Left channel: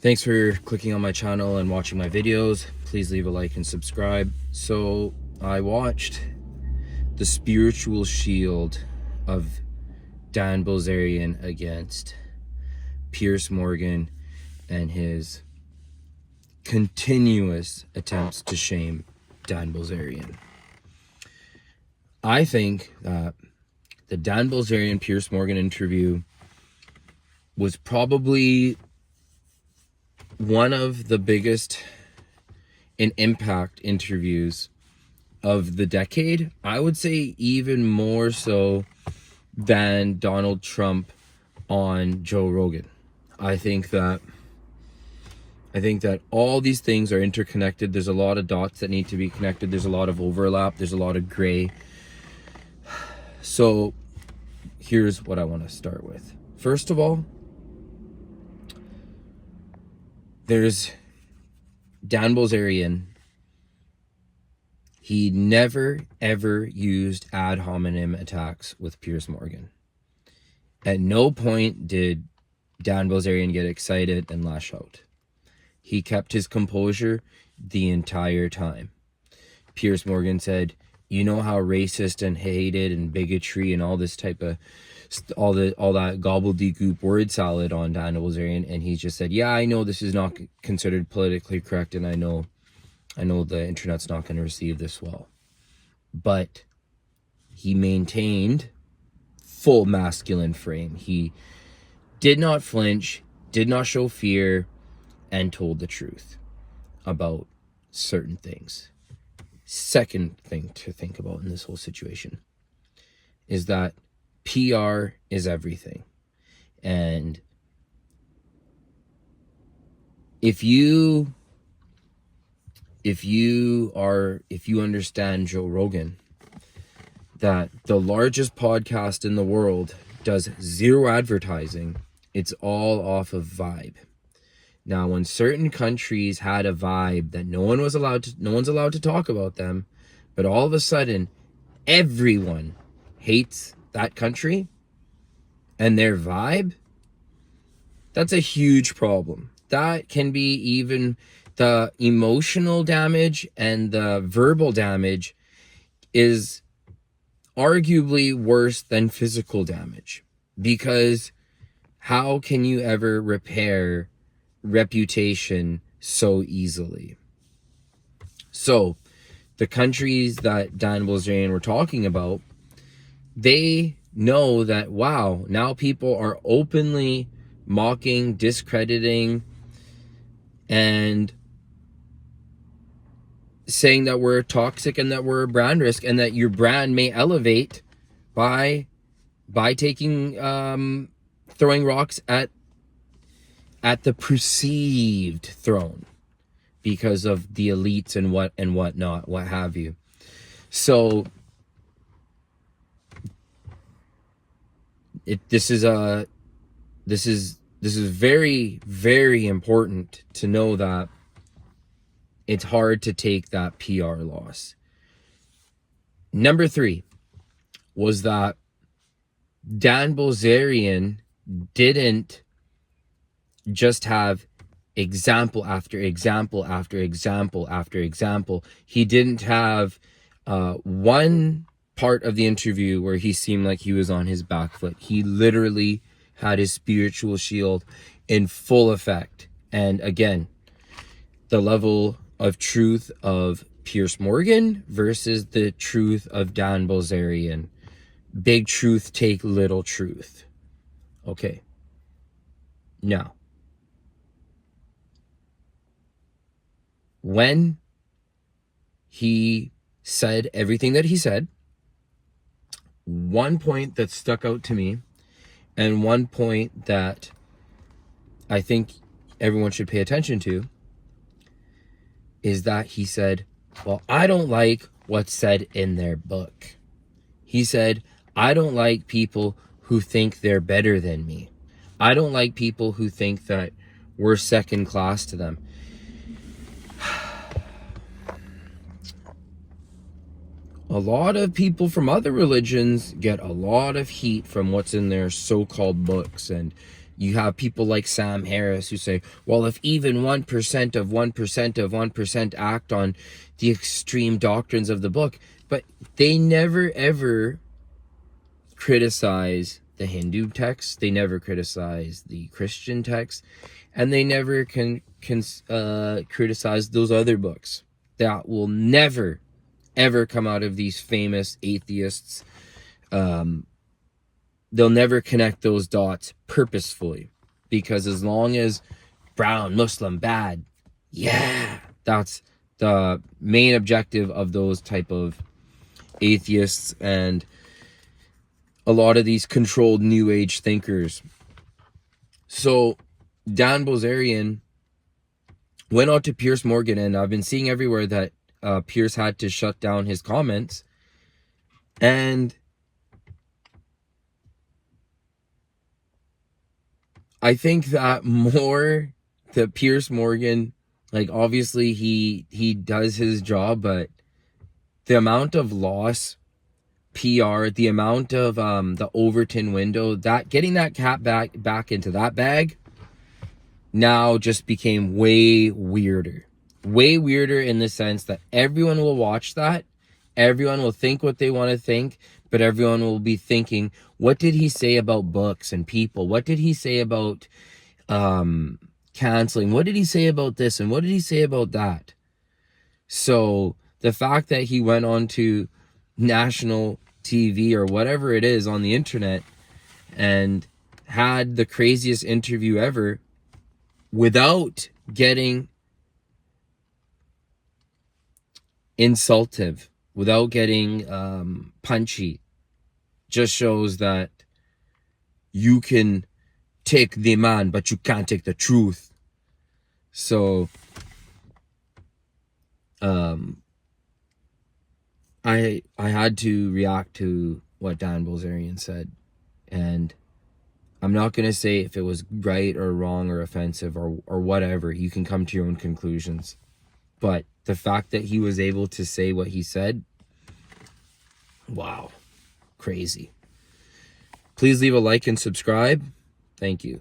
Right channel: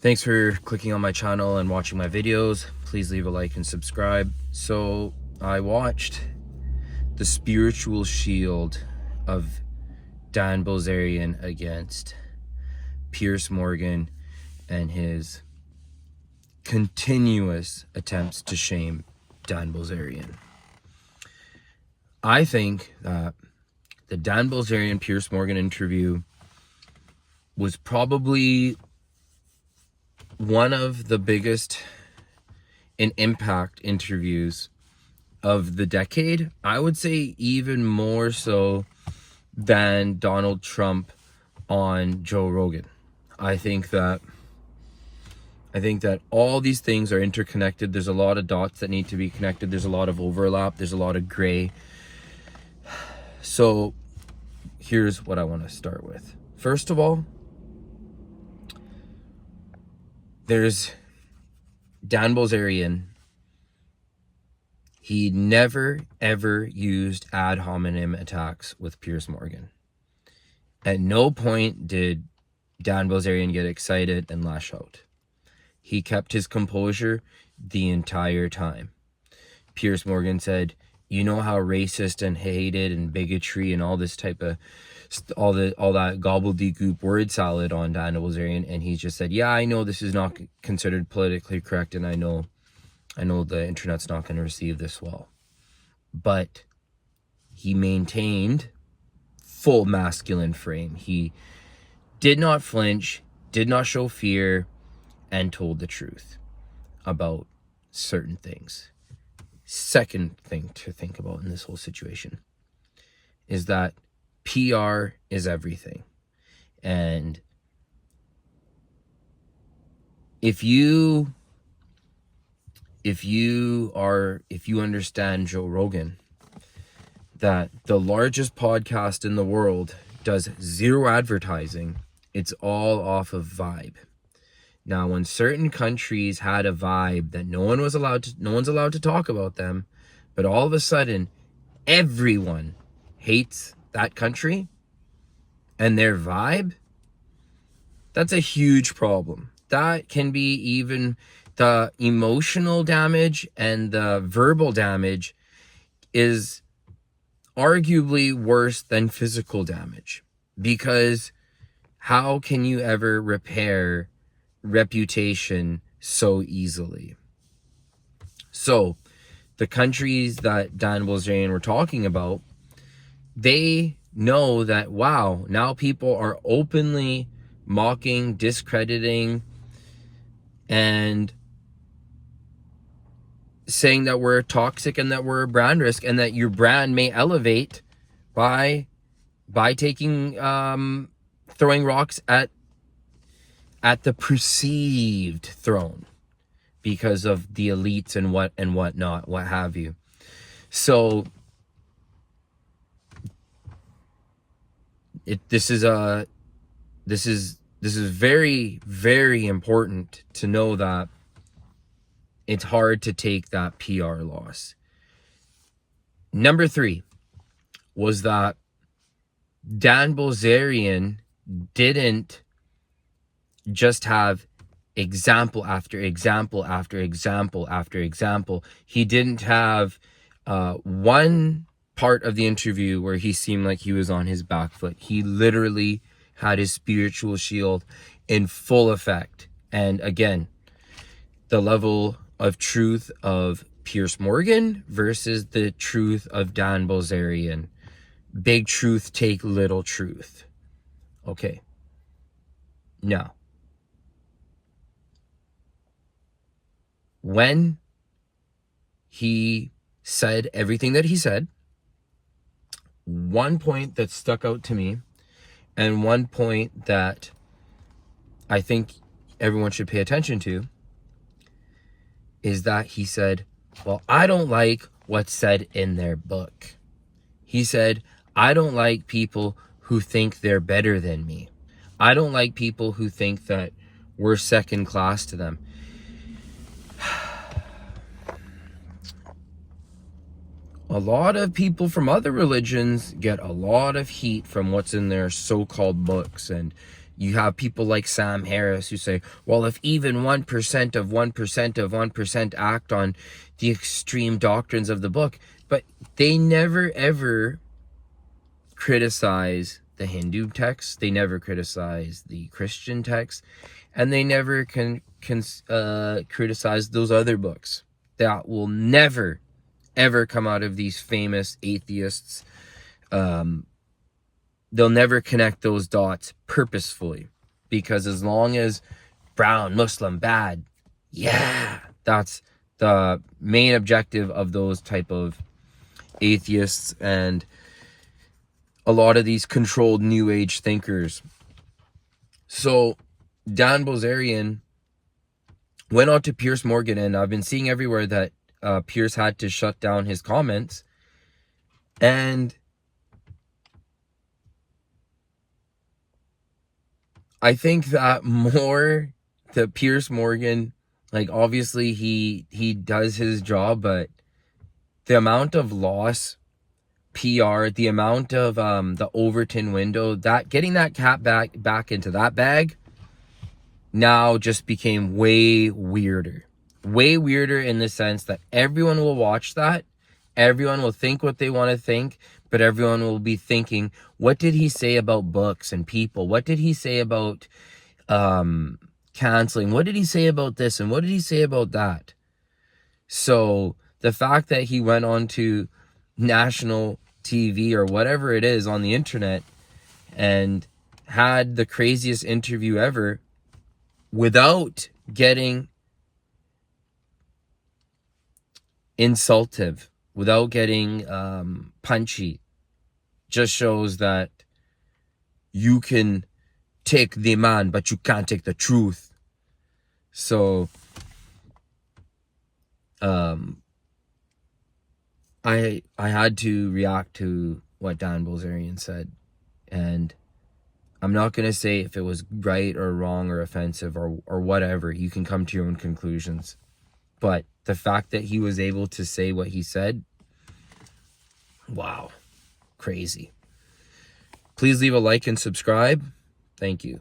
Thanks for clicking on my channel and watching my videos. Please leave a like and subscribe. So I watched the spiritual shield of Dan Bilzerian against Piers Morgan and his continuous attempts to shame Dan Bilzerian. I think that the Dan Bilzerian Piers Morgan interview was probably one of the biggest in impact interviews of the decade. I would say even more so than Donald Trump on Joe Rogan. I think that all these things are interconnected. There's a lot of dots that need to be connected. There's a lot of overlap. There's a lot of gray. So here's what I want to start with. First of all, there's Dan Bilzerian. He never, ever used ad hominem attacks with Piers Morgan. At no point did Dan Bilzerian get excited and lash out. He kept his composure the entire time. Piers Morgan said, you know how racist and hated and bigotry and all this type of all that gobbledygook word salad on Dan Bilzerian, and he just said, yeah, I know this is not considered politically correct, and I know the internet's not going to receive this well. But he maintained full masculine frame. He did not flinch, did not show fear, and told the truth about certain things. Second thing to think about in this whole situation is that PR is everything. And if you understand Joe Rogan, that the largest podcast in the world does zero advertising, it's all off of vibe. Now, when certain countries had a vibe that no one's allowed to talk about them, but all of a sudden everyone hates that country and their vibe, that's a huge problem. That can be even the emotional damage, and the verbal damage is arguably worse than physical damage, because how can you ever repair reputation so easily? So the countries that Dan Bilzerian were talking about, they know that, wow, now people are openly mocking, discrediting, and saying that we're toxic and that we're a brand risk, and that your brand may elevate by taking throwing rocks at the perceived throne because of the elites and whatnot, what have you. So this is very, very important to know that it's hard to take that PR loss. Number 3 was that Dan Bilzerian didn't just have example after example after example after example. He didn't have one part of the interview where he seemed like he was on his back foot. He literally had his spiritual shield in full effect. And again, the level of truth of Piers Morgan versus the truth of Dan Bilzerian. Big truth take little truth. Okay. Now, when he said everything that he said, one point that stuck out to me, and one point that I think everyone should pay attention to, is that he said, well, I don't like what's said in their book. He said, I don't like people who think they're better than me. I don't like people who think that we're second class to them. A lot of people from other religions get a lot of heat from what's in their so-called books, and You have people like Sam Harris who say, well, if even 1% of 1% of 1% act on the extreme doctrines of the book, but they never ever criticize the Hindu text, they never criticize the Christian text, and they never can criticize those other books that will never ever come out of these famous atheists. They'll never connect those dots purposefully, because as long as brown, Muslim, bad, yeah, that's the main objective of those type of atheists and a lot of these controlled new age thinkers. So Dan Bilzerian went on to Piers Morgan, and I've been seeing everywhere that Piers had to shut down his comments. And I think that more the Piers Morgan, like, obviously he does his job, but the amount of loss, PR, the amount of the Overton window, that getting that cat back into that bag now just became way weirder. Way weirder in the sense that everyone will watch that, everyone will think what they want to think, but everyone will be thinking, what did he say about books and people? What did he say about canceling? What did he say about this? And what did he say about that? So the fact that he went on to national TV or whatever it is on the internet and had the craziest interview ever without getting insultive, without getting punchy, just shows that you can take the man, but you can't take the truth. So I had to react to what Dan Bilzerian said, and I'm not going to say if it was right or wrong or offensive or whatever. You can come to your own conclusions. But the fact that he was able to say what he said, wow, crazy. Please leave a like and subscribe. Thank you.